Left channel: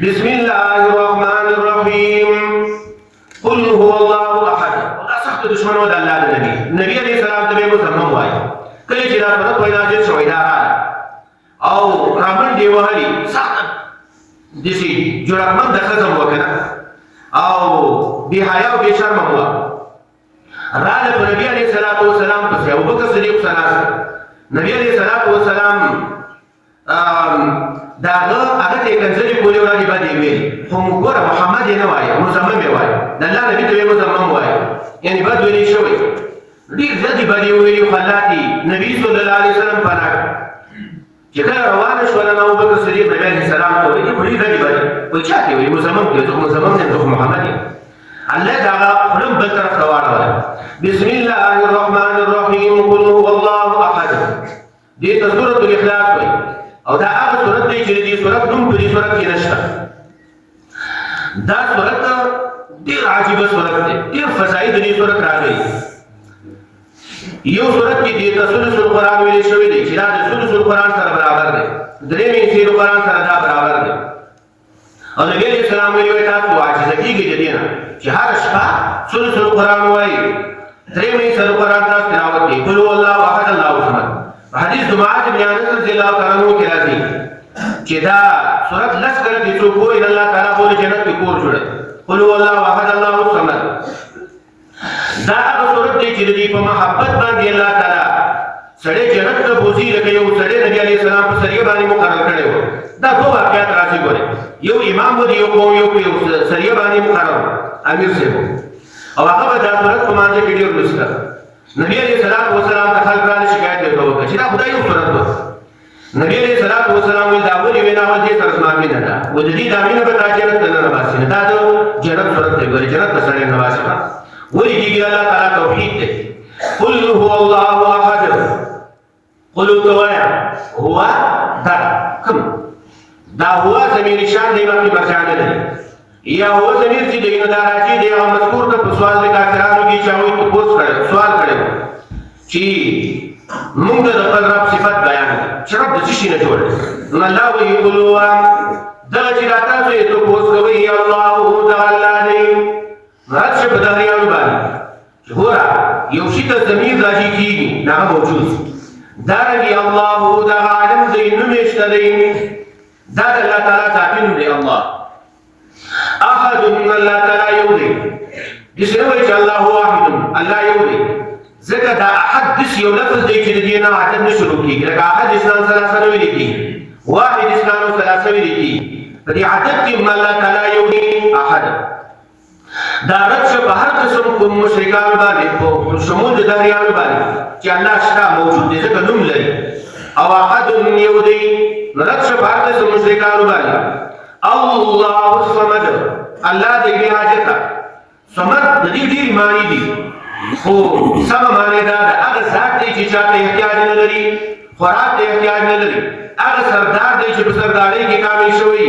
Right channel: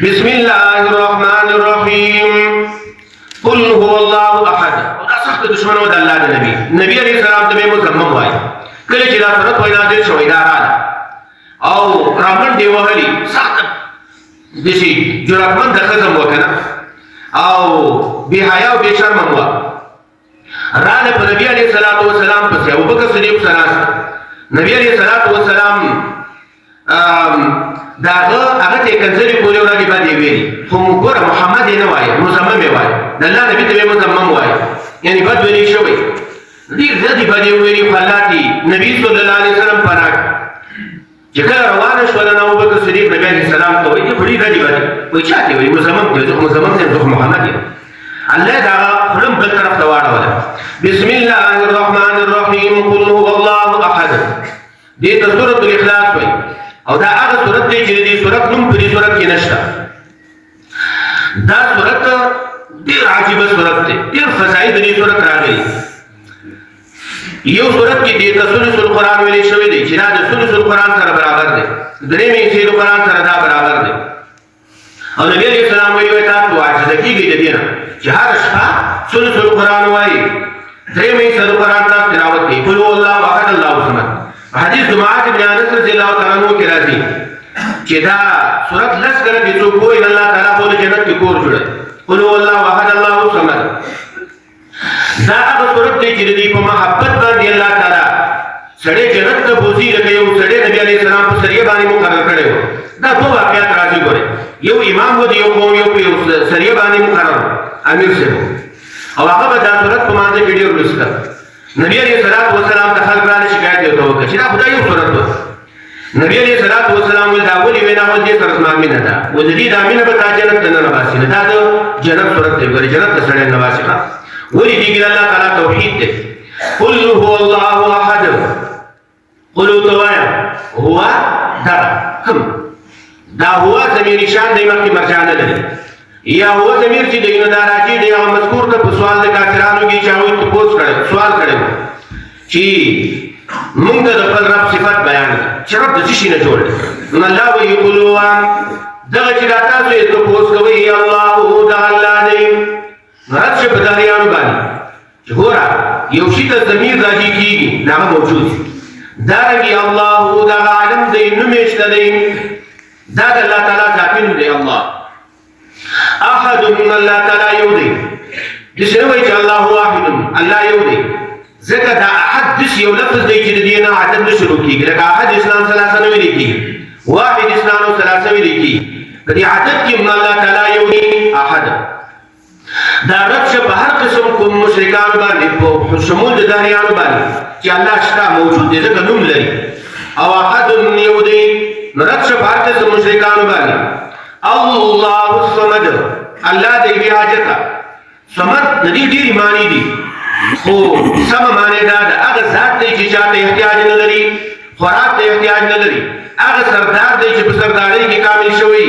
बिस्मिल्लाहिर्रहमानिर्रहीम कुल हुवल्लाहु अहद دا سخت دشمنو د الله د نبی علیہ السلام ته مسلمان وای کله چې دا سره پیدا دي شوی دا او رامن دی وهلی سخت دشي جرأتمن د خزم وکنه او بهایا او بشرم هو راله په نبی علیہ الصلوۃ والسلام په ابو بکر صدیق سره نبی علیہ الصلوۃ والسلام داغه هغه ته کنځري پورې وراني باندې ویلي خو موږ محمد نه وای مسلمان وای د الله نبی ته مسلمان وای یعنی بد ویلي شوی دې ځدی باندې ویلي فلاتي نبی صلی الله علیه وسلم پراک چې کله روان شو له ابو بکر صدیق نبی علیہ السلام ته ویلي بڑی ځدی باندې وای چاته وای مسلمان ته مسلمان ته محمد الله دا خلم بل طرف ته واړول بسم الله الرحمن الرحیم قل هو الله احد دې ته سورۃ الاخلاص وای او دا هغه صورت دی چې دې صورت کوم په دې صورت کې نشته دا صورت ډېر عجیب صورت دی ډېر فضایل دې صورت راغلي یو صورت کې دې تسلسل القرآن ویل شوی دی چې دا د تسلسل القرآن سره برابر دی درې مې چې القرآن سره دا برابر دی او نبی علیہ السلام ویلي تاسو عاجز کیږئ د دې نه چې هر شپه تسلسل القرآن وایي درې مې چې القرآن تاسو تلاوت کوي قل هو الله احد الله الصمد حدیث معاذ بن انس رضی الله تعالی عنہ کې راځي چې دا سورۃ لس کړه چې څوک وایي الله تعالی په جنت کې کور جوړه قل هو الله احد الله الصمد دا هغه سورۃ دی چې د محبت باندې الله تعالی سړی جنت ته بوزي لکه یو سړی نبی علیہ السلام په سریه باندې مقرر کړی و دا دوه واقعات راځي ګوره یو امام و دی یو قوم یو په سریه باندې مقرر امیر صاحب او هغه به دا سورۃ په مانځ کې ډیر لوستل نبی علیہ الصلوۃ والسلام ته خلک راځي شکایت وکړي چې دا خدای یو سورۃ ده نبی علیہ الصلوۃ والسلام دا ولي وینا ول دي سره اسمان مینه ده و دې د امینه په جنت نه نواسي دا د جنت سورۃ دی ګوره جنت سره نواسي ولي دې الله تعالی توحید دی قل هو الله احد قل هو دا کوم دا هو زمیر شان دی مخکې مرجع نه لري یا هو زمیر چې دینه دا راځي دی او مذکور ته په سوال د کافرانو کې چاوي ته پوښت کړي سوال کړي چې موږ د خپل رب صفات بیان چې رب د څه نه جوړ نو الله وی قولوا دا چې تاسو یې ته پوښت کوي یا الله دا الله دی راځي په دریان باندې چې ګورا یو شی ته زمیر راځي کیږي دا موجود دا رنګي الله دا عالم دی نو مشته دی دا د الله تعالی ذاتین دی الله احد من الله تعالی یودی دشوی چې الله واحد الله یودی ځکه دا احد دش یو لفظ دی چې د دینه عدد شروع کیږي لکه احد اسلام ثلاثه نه ویل کیږي واحد اسلام ثلاثه ویل کیږي په دې عدد کې من الله تعالی یودی احد دا رد شه په هر قسم کوم مشرکان باندې په شمول د دهریانو باندې چې الله شته موجود دی ځکه نوم لري او احد یودی رد شه په هر قسم مشرکان باندې الله الصمد الله دې بیا حاجت صمد د دې ډېری معنی دي خو سم معنی دا د هغه ذات دی چې چاته احتیاج نه لري خوراک ته احتیاج نه لري هغه سردار دی چې په سردارۍ کې کامل شوی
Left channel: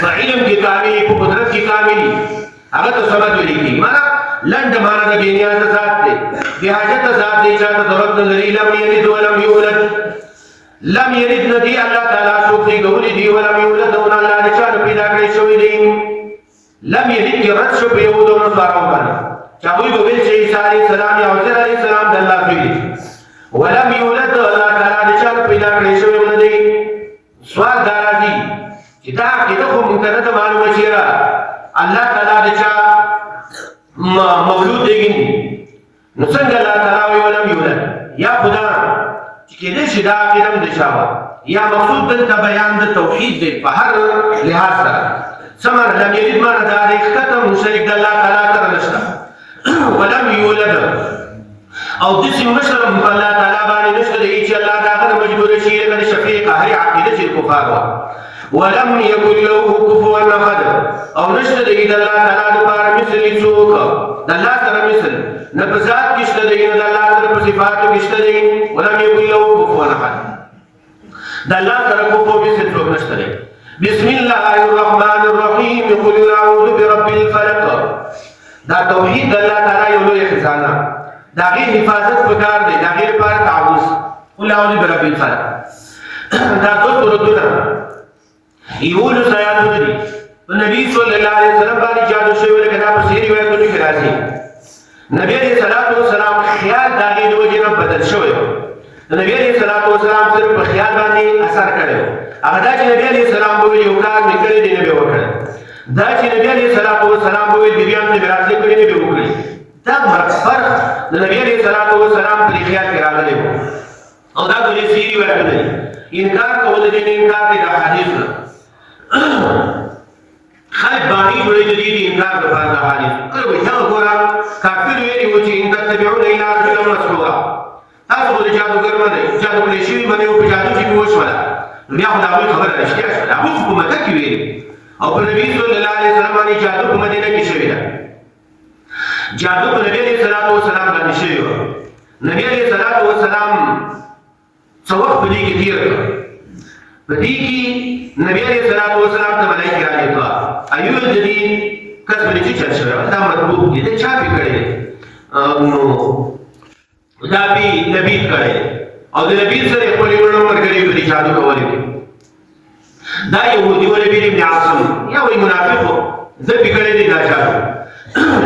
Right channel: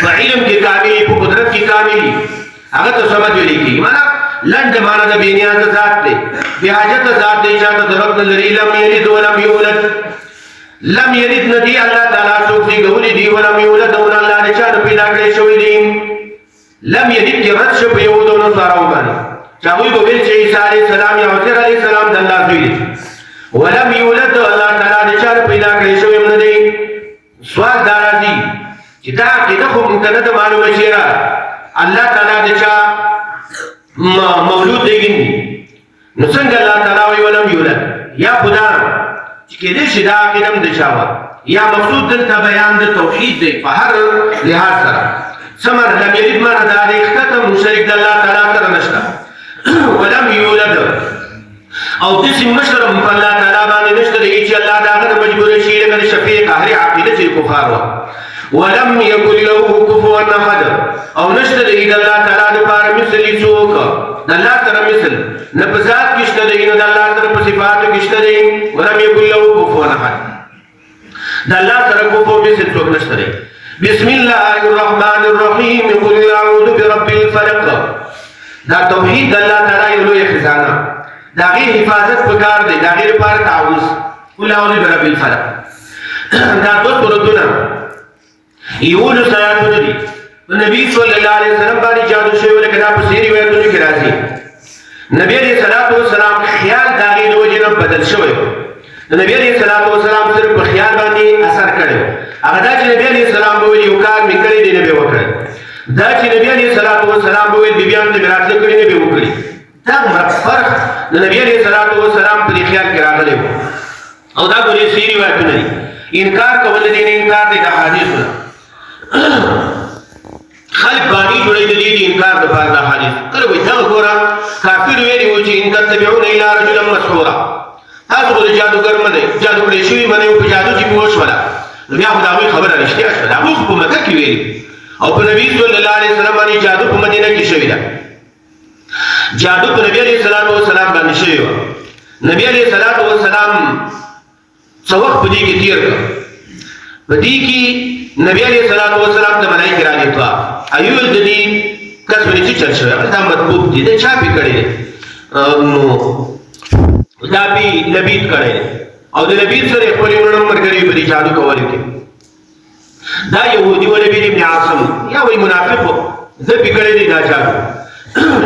په علم کې کامل په قدرت کې کامل هغه ته صمد ویل کېږي معنا لنډ معنی د بې نیازه ذات دی بې حاجته ذات دی چاته ضرورت نه لري لم یلد ولم یولد لم یلد ندی الله تعالی څوک دی ګولې دی ولم یولد او الله نه چا پیدا کړی شوی دی لم یلد کې رد شو په یو دونو سره باندې چاوی به ویل چې عیسی علیه السلام یا عزیر علیه السلام د الله زوی دی ولم یولد الله تعالی نه چا پیدا کړی شوی نه دی سوال دا راځي چې دا عقیده خو موږ ته نه معلومه شي الله تعالی د چا موجود دی نو څنګه الله تعالی وی ولم یولد یا خدا چې کله شي دا عقیده د چا یا مقصود دلته بیان د توحید دی په هر لحاظ سره سمر لم یلد معنا دا د اختتم مشرک د الله تعالی سره نشته ولم یولد او د سیم مشرم په الله تعالی باندې نشته دی چې الله دا غره مجبور شي لکه شفیع قهر عقیده چې کفار ولم یکن له کفوا احد او نشته دی د الله تعالی لپاره مثل څوک د الله سره مثل نه په ذات کې شته دی نه د الله سره په صفاتو کې شته دی ولم یکن له کفوا احد د الله سره کفوا مثل څوک نشته دی بسم الله الرحمن الرحیم قل اعوذ برب الفلق دا توحید د الله تعالی یو لوی خزانه دا غیر حفاظت پکار دی دا غیر پر تعوذ قل اعوذ برب الفلق دا دوه سورتونه یولس آیاتونه دي په نبی صلی الله علیه وسلم باندې جادو شوی لکه دا په سیر روایتونو کې راځي نبی علیه الصلاۃ والسلام خیال د هغې د وجې نه بدل شوی نبی علیه الصلاۃ والسلام صرف په خیال باندې اثر کړی هغه دا چې نبی علیه السلام به ویل یو کار مې کړی دی نه به وکړی دا چې نبی علیه الصلاۃ والسلام به ویل بیبیانو ته مې راتلې کړي نه به وکړي دا فرق د نبی علیه الصلاۃ والسلام په دې خیال کې راغلی او دا په دې سیر روایتونه دي انکار کول د دې انکار دی د احادیثو خلق باقی جوړې د دې انکار د پاره د حدیث کله وي دا ګوره کافر ویلي و چې ان تتبعون الى رجل مسحورا تاسو د جادوګر باندې جادو کړی شي باندې او جادو چې وشوله بیا خو دا خبره رښتیا شوه دا خو په مکه کې ویلي او په نبی صلی الله علیه وسلم باندې جادو په مدینه کې شوی دا جادو په نبی علیه الصلاۃ والسلام باندې شوی و نبی علیه الصلاۃ والسلام څو وخت په دې کې تیر کړ په دې کې نبی علیہ الصلوۃ والسلام ته ملائکه را لېږه ایو د دې کس باندې چې چل شوی دا مطلوب دي دا چا پی کړی نو دا به نبی کړی او د نبی سره خپل ورونو مرګري په دې جادو کولې دا يهودي ولې ابن عاصم یا وی منافق زه پی کړی دی دا جادو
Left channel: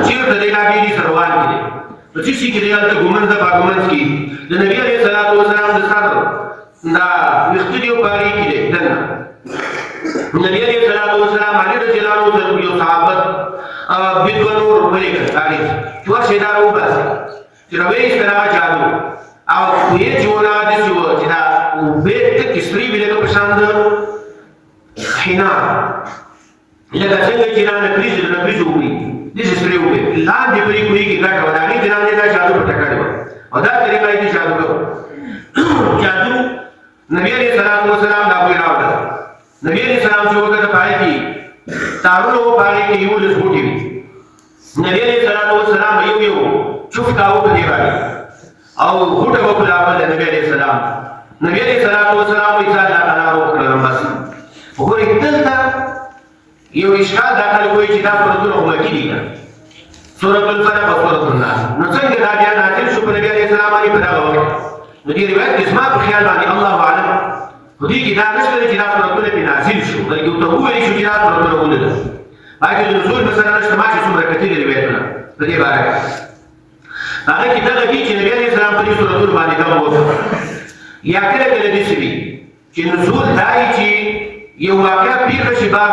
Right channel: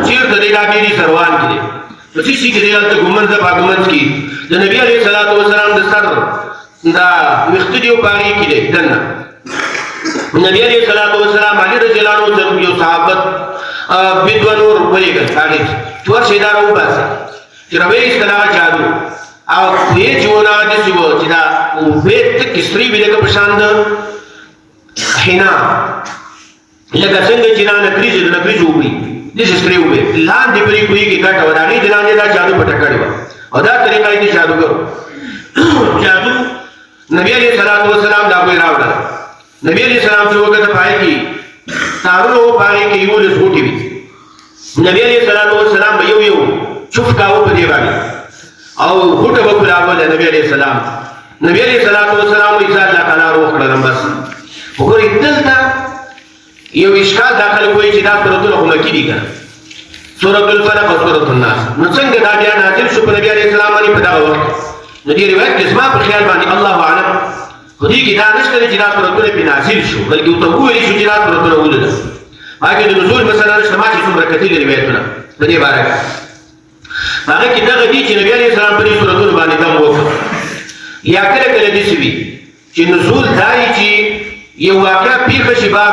چیرته دی نبی دې سروان کې په چې شي کې دی د ګمنځ باغمنځ کې د نبی علیہ الصلوۃ والسلام د سر دا وختیو پاری کې دی دنه نبی علیہ الصلوۃ والسلام علی رضی الله عنه یو صحابت بدونور ولېګل خالد څو شیدارو باسي چې روي استلا جادو او یې جوړا د شو چې دا وبېت کسری ویلګه پشاند حنا لکه څنګه چې نه کریز نه کریزوږي د شستریو به لاندې پرې کوي کې کاټه ودانې د لاندې دا جادو پټ کړو او دا طریقې دي جادوګر جادو نبی علیہ الصلوۃ والسلام دا کوي راوړل نبی علیہ السلام چې وګړه پای کې تارونو پای کې یو له سوټي وي نبی علیہ الصلوۃ والسلام یو چوف کاوه په دی باندې او هټه وکړه په نبی علیہ السلام نبی علیہ الصلوۃ والسلام یې ځان لا تعالی روح کړل بس وګورئ دلته یو اشکال داخل کوي چې دا سورۃ الحمد دي کنه سورۃ الفلق او سورۃ الناس نو څنګه دا بیا نازل شو په نبی علیہ السلام باندې په دا وخت نو دې روایت کې اسما په خیال باندې الله اعلم خو دې کې دا نشته چې دا سورۃ په نازل شو بلکې ته وایي چې دا سورۃ ولده هغه د نزول مثلا سماع چې څومره کتل روایتونه په دې باره هغه کې دا دي چې نبی علیہ السلام په دې سورۃ باندې دا وکړ یا کله کله دې سوي چې نزول دای چې یو واقع پیښ شي بار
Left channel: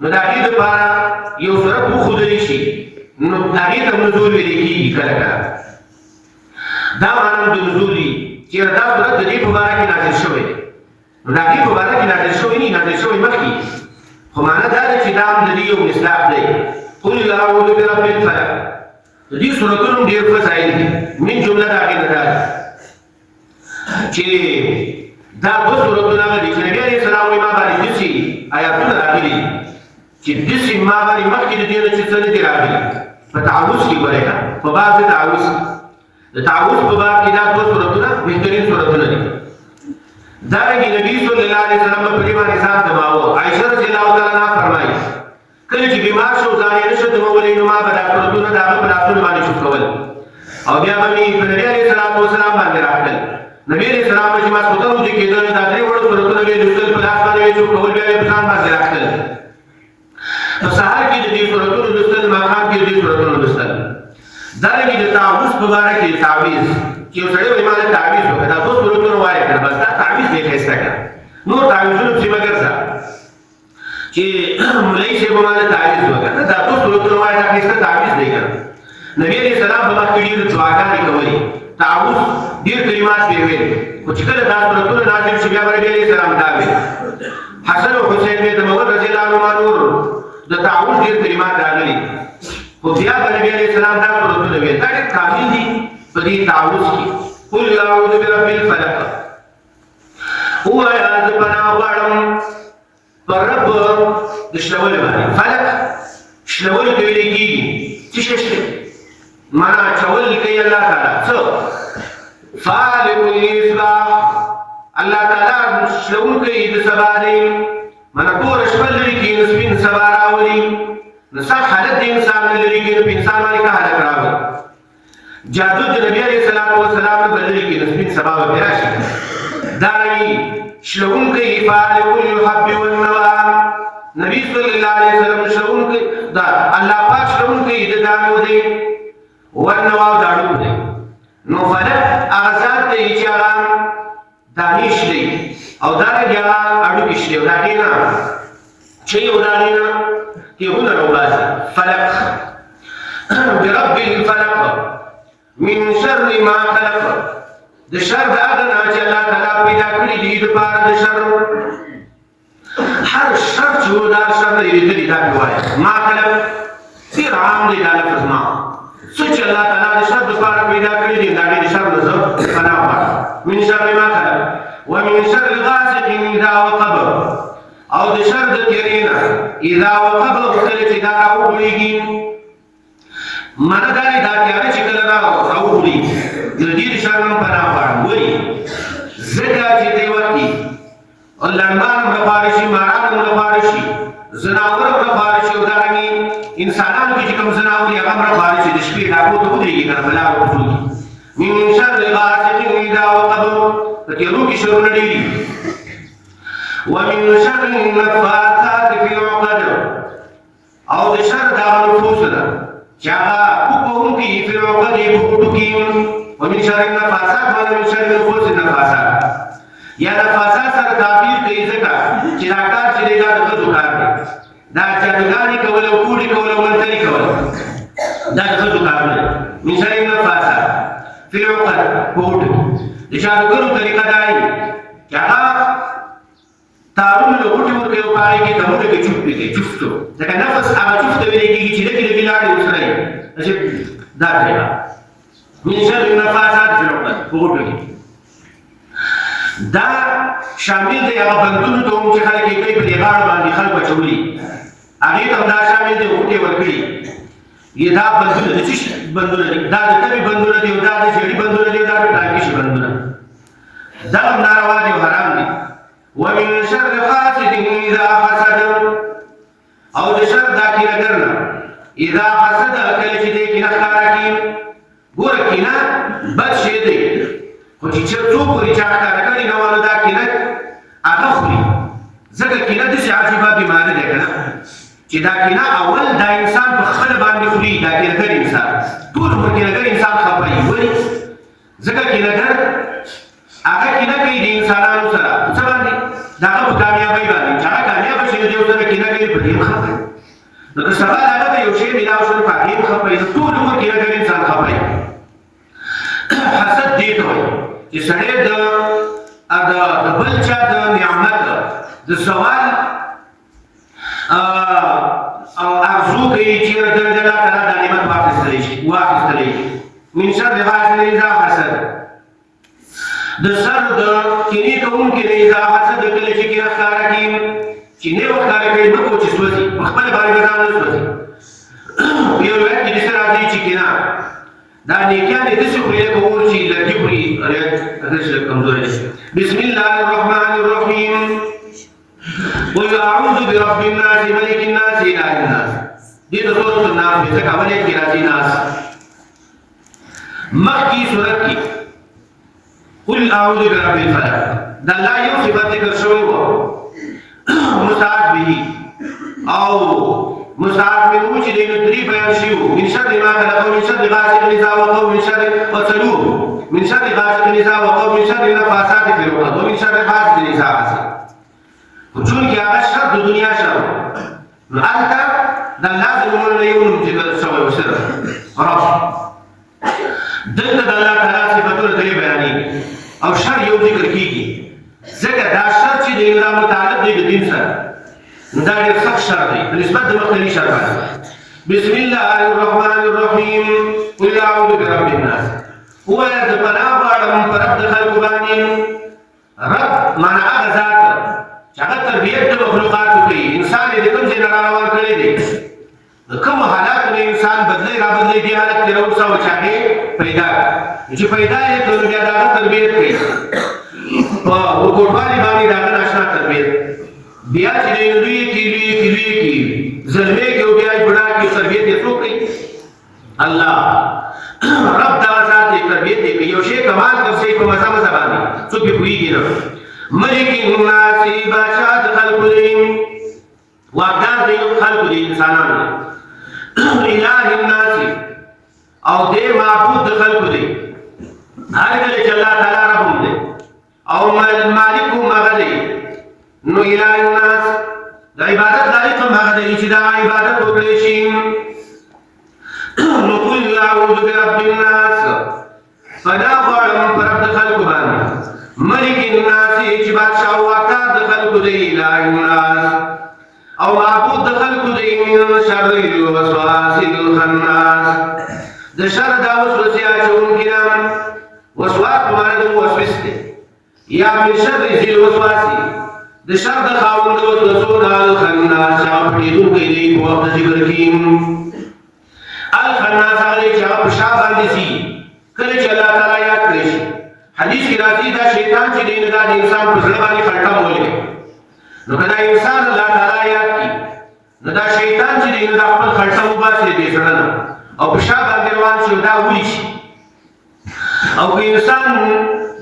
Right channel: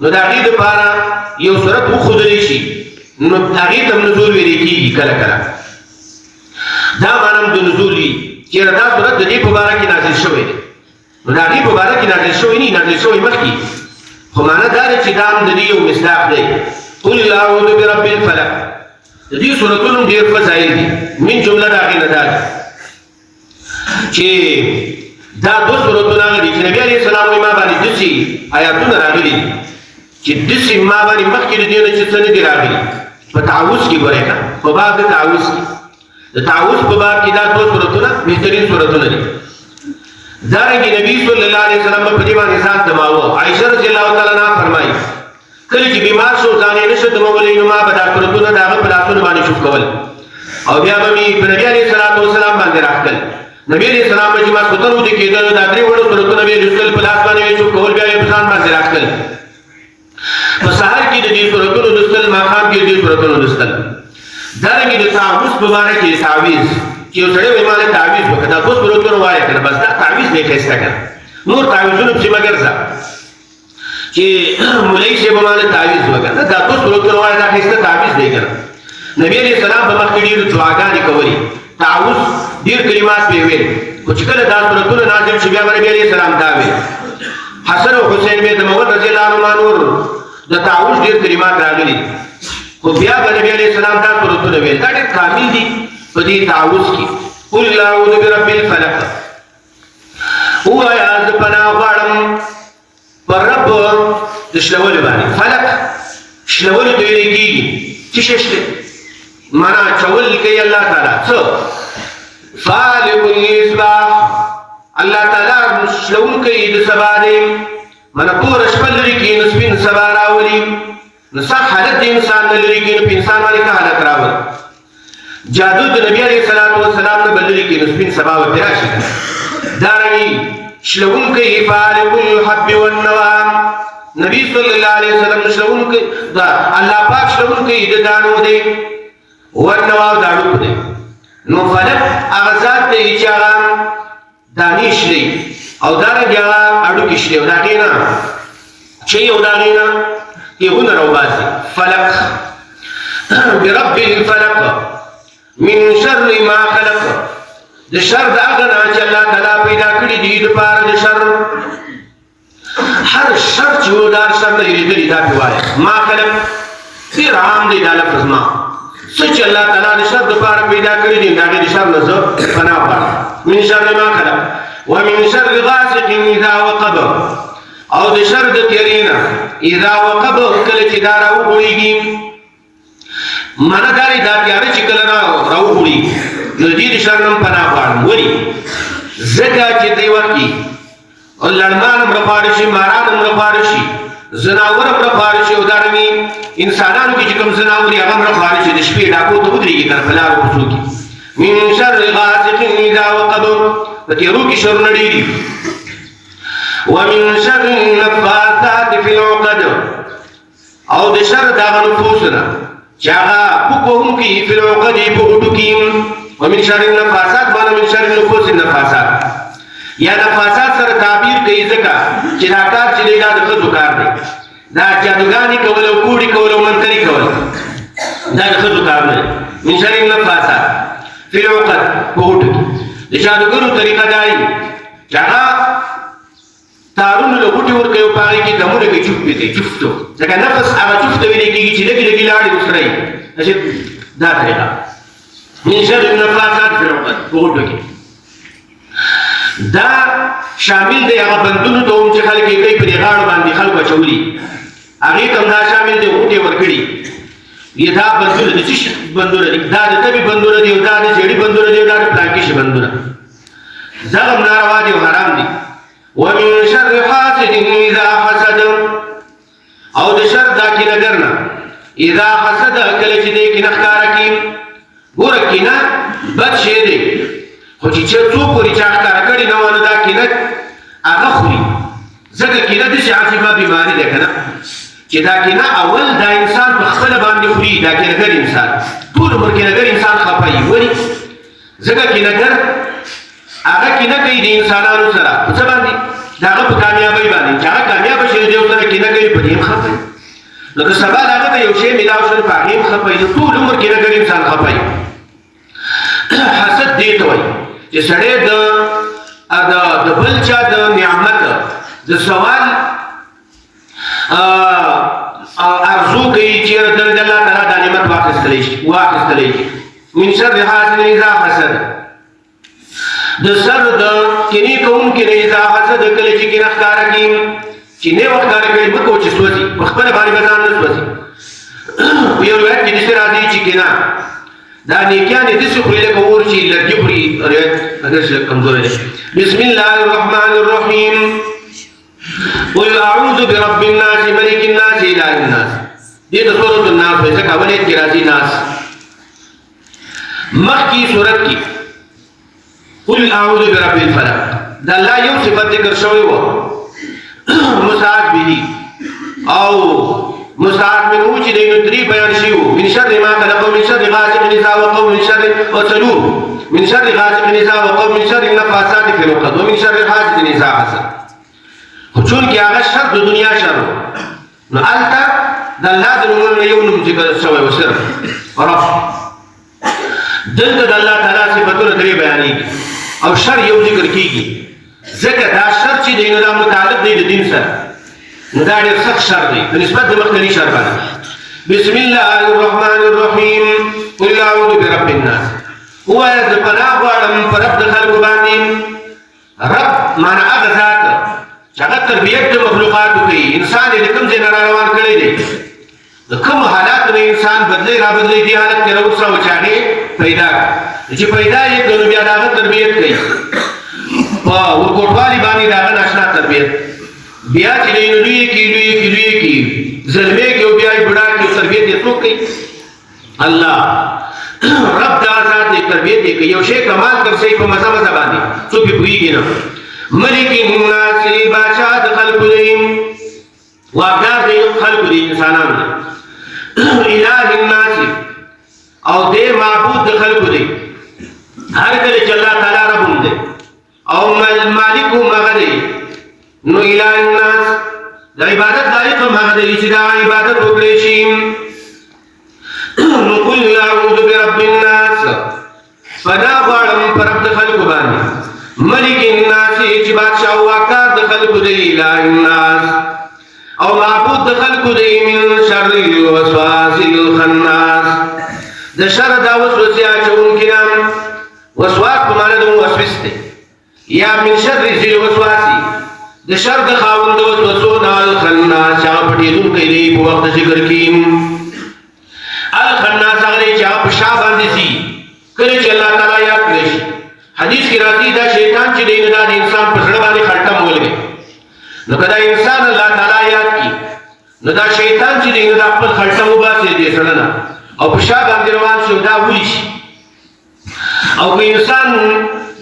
نو دا دې لپاره یو سورۃ وخدلی شي نو هغه د نزول ویل کېږي کله کله دا معنی د نزول دی چې دا سورۃ د دې په اړه کې نازل شوې ده نو دا دې په اړه کې نازل شوې نه نازل شوې مخکې خو معنی دا چې دا د دې یو مصداق دی قل اعوذ برب الفلق د دې سورۃونو ډېر فضایل دي من جمله دا غي نه ده چې دا د سورۃونو د نبی عليه السلام ما باندې د شي آیاتونه راغلي چې د شي ما باندې مخکې د دې نه چې څه دي راغلي په تعوذ کې ورته په باب د تعوذ د تعوذ په باب کې دا د سورۃونو بهترین سورۃونه دي دا رنګ نبی صلی الله علیه وسلم په دې باندې ځان دماوه عائشہ رضی الله تعالی عنها فرمایي کله چې بیمار شو ځان یې نشه دمولې نو ما په دا سورۃونو دا په لاسونو باندې شو کول او بیا به په نبی علیه السلام باندې راخل نبی علیہ السلام چې ما ستورو دي کېدل دا درې وړو سورۃونه به رسول په لاس باندې شو کول بیا په ځان باندې راخل په سحر کې د دې سورۃونو رسول ماقام کې د دې سورۃونو رسول دا رنګ د تعوذ مبارک کې تعویذ چې یو سره ایمان تعویذ وکړه دا سورۃونه وایي کړه بس دا تعویذ نه کېسته کړه نور تعویذونه چې مګر ځه چې مولوی شه په باندې تعویذ وکړه دا سورۃونه وایي دا کېسته تعویذ نه کړه نبی علیہ السلام په مخ کې ډېر دعاګانې کولې تعوذ ډېر کلمات به ویل او چې کله دا سورۃونه نازل شي بیا نبی علیہ السلام دا ویل حسن او حسین به د مولوی رضی الله عنه نور د تعوذ ډېر کلمات راغلي خو بیا نبی علیہ السلام دا سورۃونه ویل دا ډېر کامل دي په دې تعوذ کې قل اعوذ برب الفلق هو یا ذبنا غړم پر رب د شلول باندې فلق شلول دی لګي چې شته معنا چول کوي الله تعالی څو فالق الاصباح الله تعالی شلول کوي د سبا دی معنا پور شپل لري کې نسبین سبا راولي نو صح حالت انسان لري کې په انسان باندې کا حالت راوي جادو د نبی علیہ الصلوۃ والسلام په بللی کې نسبین سبا و پیراشي دارنګي شلون کوي فالق الحب والنوى نبی صلی الله علیه وسلم شلون کوي دا الله پاک شلون کوي د دانو دی والنوى داړو دی نو فلک هغه ذات دی چې هغه دانې شلي او دارنګه هغه اډوکې شلي او د هغې نه چې یو د هغې نه کیغونه راوباسي فلک برب الفلق من شر ما خلق د شر د هغه نه چې الله تعالی پیدا کړي دي دپاره د شر هر شر چې و دا شر نه لرېدلي دا پې وایه ما خلق ډېر عام دی دا لفظ ما څه چې الله تعالی د شر دپاره پیدا کړي دي د هغې د شر نه زه پناه غواړم من شر ما خلق ومن شر غاسق اذا وقب او د شر د تیرې نه اذا وقب کله چې دا راوغوړېږي مانا داری دا تیاره چې کله راوغوړېږي نو دې د شر نه پناه غواړم ولې ځکه چې دې وخت کې لړمان هم راپاره شي ماران هم راپاره شي ځناور هم راپاره شي او دارنګې انسانانو کې چې کوم ځناور دي هغه هم راپاره شي د شپې ډاکو ته ودرېږي تر په لارو کوڅو کې من شر غاسق اذا وقب په تیرو کې شرونه ډېر دي ومن شر النفاثات في العقد او د شر دغه نفوس نه چې هغه پوکوونکي فی العقد په غوټو کې ومن شر النفاثات معنی من شر نفوس النفاثات یا نفاثات سره تعبیر کوي ځکه چې دا کار چې دی دا د ښځو کار دی دا جادوګانې کول او کوډې کول او منتري کول دا د ښځو کار نه دی من شر النفاثات فی العقد په غوټو کې د جادوګرو طریقه دا وي چې هغه تارونه له غوټې ورکوي او په هغې کې دمونه کوي چوف پرې کوي چوفتو ځکه نفس هغه چوف ته ویلی کېږي چې لږې لږې لاړې ورسره وي دا طریقه من شر النفاثات فی العقد په غوټو کې دا شامل دی هغه بندونو ته هم چې خلک یې کوي په دې غاړو باندې خلکو اچولي هغې ته هم دا شامل دی غوټې ورکړي دا بندونه د څه شي بندونه دي دا د تبې بندونه دي او دا د زیړي بندونه دي او دا د پلانکې شي بندونه دا هم ناروا دي او حرام دي ومن شر حاسد اذا حسد او د شر دا کینهګر نه اذا حسد کله چې دی کینه ښکاره کړي ګوره کینه بد شی دی خو چې څوک ورې چا ښکاره کړي نه وه نو دا کینه هغه خوري ځکه کینه داسې عجیبه بیماري ده که نه چې دا کینه اول دا انسان په خپله باندې خوري دا کینهګر انسان ټول عمر کینهګر انسان خفه وي ولې ځکه کینهګر هغه کینه کوي د انسانانو سره په څه باندې د هغه په کامیابۍ باندې چې هغه کامیابه شي د یو سره کینه کوي په دې هم خفه وي نو که سبا د هغه ته یو شی میلاو شو په هغې هم خفه وي نو ټول عمر کینهګر انسان خفه وي حسد دې ته وایي چې سړی د بل چا د نعمت د زوال ارزو کوي چې د الله تعالی دا نعمت واخیستلی شي من شر حاسد اذا حسد د سر د کینې کوونکي نه اذا حسد کله چې کینه ښکاره کړي چې نه وښکاره کوي مه کوه چې سوځي په خپله باندې به ځان نه سوځي په یو روایت کې داسې راځي چې کینه دا نیکیانې داسې خوري لکه اور چې لرګي خوري روایت داسې کمزوری دی بسم الله الرحمن الرحیم قل اعوذ برب الناس ملک الناس اله الناس دې د سورة الناس دی ځکه اول کې راځي ناس مخکې سورت کې قل اعوذ برب الفلق دا الله یو صفت ذکر شوی و مستعاذ به او مستعاذ منه چې د درې بیان شوي وو من شر ما خلق ومن شر غاسق اذا وقب ومن شر وڅلور من شر غاسق اذا وقب ومن شر النفاثات في العقد ومن شر حاسد اذا حسد خو چونکې هغه شر د دنیا شر نو هلته د الله د نومونو یو نوم ذکر شوی و صرف رب دلته د الله تعالی صفتونه درې بیانېږي او شر یو ذکر کېږي ځکه دا شر چې دی نو دا متعلق دی د دین سره نو دا ډېر سخت شر دی په نسبت د مخکني شر باندې بسم الله الرحمن الرحیم قل اعوذ برب الناس ووایه زه پناه غواړم په رب د خلکو باندې رب معنی هغه ذات چې هغه تربیت د مخلوقاتو کوي انسان یې د کوم ځای نه راروان کړی دی د کومو حالاتو نه انسان بدلی رابدلی دې حالت کې راوسوي چې هغې پیدا چې پیدا یې کړو بیا د هغه تربیت کوي په ورکوټوالي باندې د هغه ناشنا تربیت بیا چې دی نو لوی کي زلمی کې او بیا یې بوډا کې تربیت یې څوک کوي الله رب دا ذات یې تربیت یې کوي یو شی کمال کړ شي په مزه باندې څوک یې پوهېږي نه ملک الناس بادشاہ د خلقو دی واقدار دی خلقو دی انسانان دی الہ الناس او دے معبود د خلقو دی هر کله چې الله تعالی رب دی او مالک هغه دی نو الہ الناس د عبادت لایق هغه دی چې دا عبادت وکړي شي نو قل اعوذ برب الناس فدا غواړم پر رب د خلقو باندې ملک الناس چې بادشاہ واقدار د خلقو دی الہ الناس او معبود د خلقو دی من شر الوسواس الخناس د شر دا وسوسه اچونکي نام وسواس په معنا د موسوس دی یا من شر ذی الوسواس د شر د خاوند وسوسو نه الخناس چې په دې دون کې دی په وخت ذکر کې الخناس هغه چې په شا باندې سي کله چې الله تعالی یاد کړی حدیث کې راځي دا شیطان چې دی دا انسان په ځړ باندې خلټه مولوي نو کله انسان الله تعالی یاد کی نو دا شیطان چې دی دا خپل خلټه وباسي دې ځړنه او په شا باندې روان شو دا ویش او که انسان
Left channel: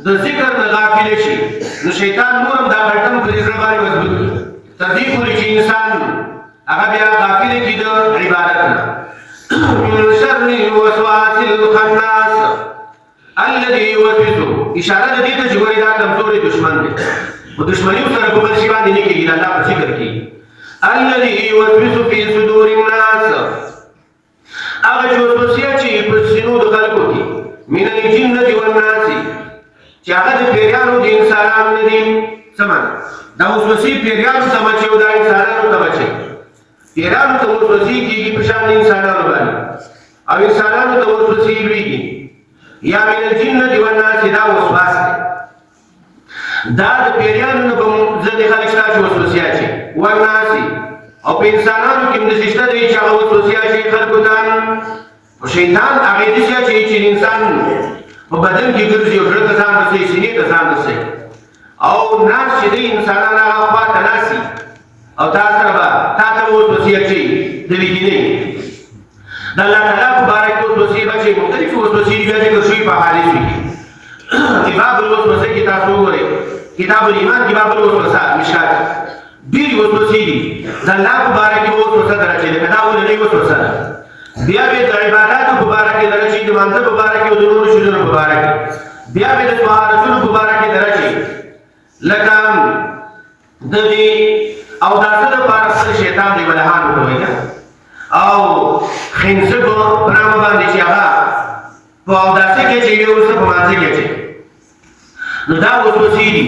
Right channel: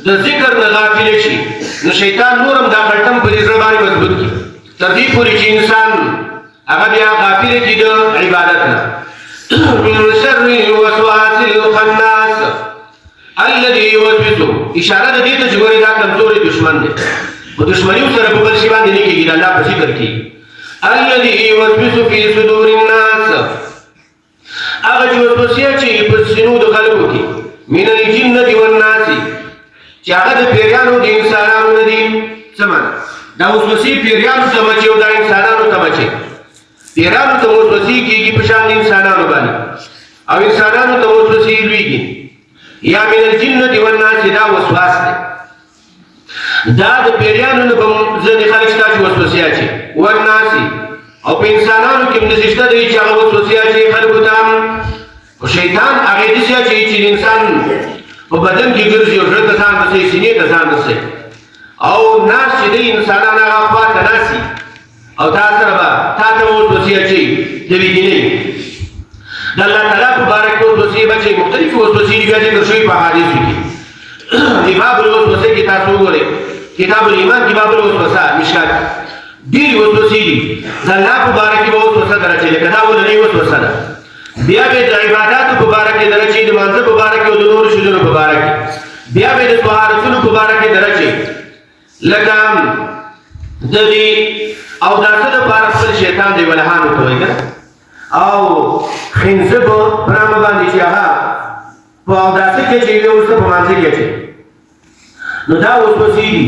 د ذکر نه غافل شي نو شیطان نورم دا خلټم په دې ځړ باندې مضبوط کی تر دې پورې چې انسان هغه بیا غافل کی د عبادت نه من شر الوسواس الخناس الذي يوسوس اشاره دې ته چې ګوري دا کمزوري دشمن دی په دشمنی سره په بل شي باندې نه کېږي الله په ذکر کې الذي يوسوس في صدور الناس هغه چې وسوسه چې په سينو د خلکو کې من الجنه والناس چې هغه د پیرانو د انسانانو دي سمون دا وسوسه پیرانو ته مچي او د انسانانو ته مچي پیرانو ته وسوسه کېږي په شان انسانانو باندې او انسانانو ته وسوسه لويږي یا من الجنه والناس دا وسواس دی دا د پیریانو نه به ځینې خلک شته چې وسوسې اچي والناس او په انسانانو کې هم داسې شته دی چې هغه وسوسې اچي خلکو ته خو شیطان هغې داسې اچوي چې انسان په بدن کې ګرځي او زړه ته ځان رسوي سینې ته ځان رسوي او ناس چې دی انسانان هغه خوا ته ناستي او تا سره به تا ته وسوسې اچوي د ویدنې د الله تعالی په باره کې وسوسې به چې مختلفې وسوسې دي بیا ذکر شوي په حدیثو کې باب الوسوسه کې تاسو وګورئ کتاب الایمان کې باب الوسوسه مشکات ډېرې وسوسې دي د الله په باره کې به وسوسه درچې لکه دا اولنۍ وسوسه ده بیا به د عباداتو په باره کې درچې د لمانځه په باره کې او د نورو شیانو په باره کې بیا به د طهارتونو په باره کې درچې لکه د دې او دا څه دپاره خپل شیطان دی ولهان ورته وایي او خنزه په نامه باندې چې هغه په اوداسه کې چې یو څه په مانځه کې چې نو دا وسوسې دي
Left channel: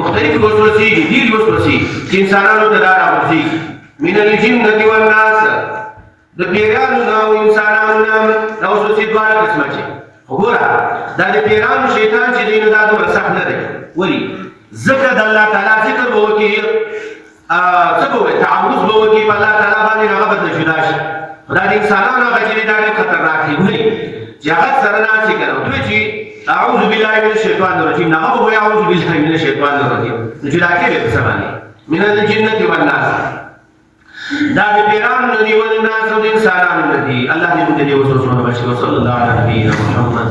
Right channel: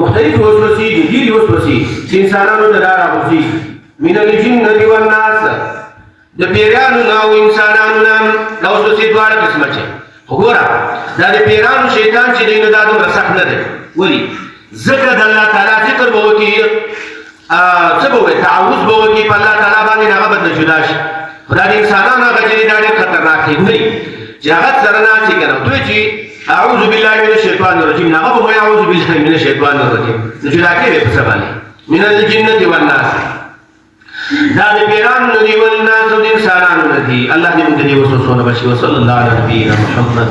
مختلف وسوسې دي ډېرې وسوسې چې انسانانو ته دا راغورځي من الجنة والناس د پیرانو نه او انسانانو نه دا وسوسې دواړه قسمه چې خو ګوره دا د پیرانو شیطان چې دی نو دا دومره سخت نه دی ولې ځکه د الله تعالی ذکر به وکړي څه به وکړي تعوذ به وکړي په الله تعالی باندې هغه به نه جدا شي خو دا د انسانانو هغه چې دا ډېر خطرناک دی ولې چې هغه سره ناستې که نه دوی چې اعوذ بالله من الشیطان الرجیم نه هغه به اعوذ بالله من الشیطان الرجیم نو جدا کېږي په څه باندې من الجنة والناس دا د پیرانو نه دي والناس د انسانانو نه دي الله دې موږ دې وسوسو نه بچي وصلی الله علیه محمد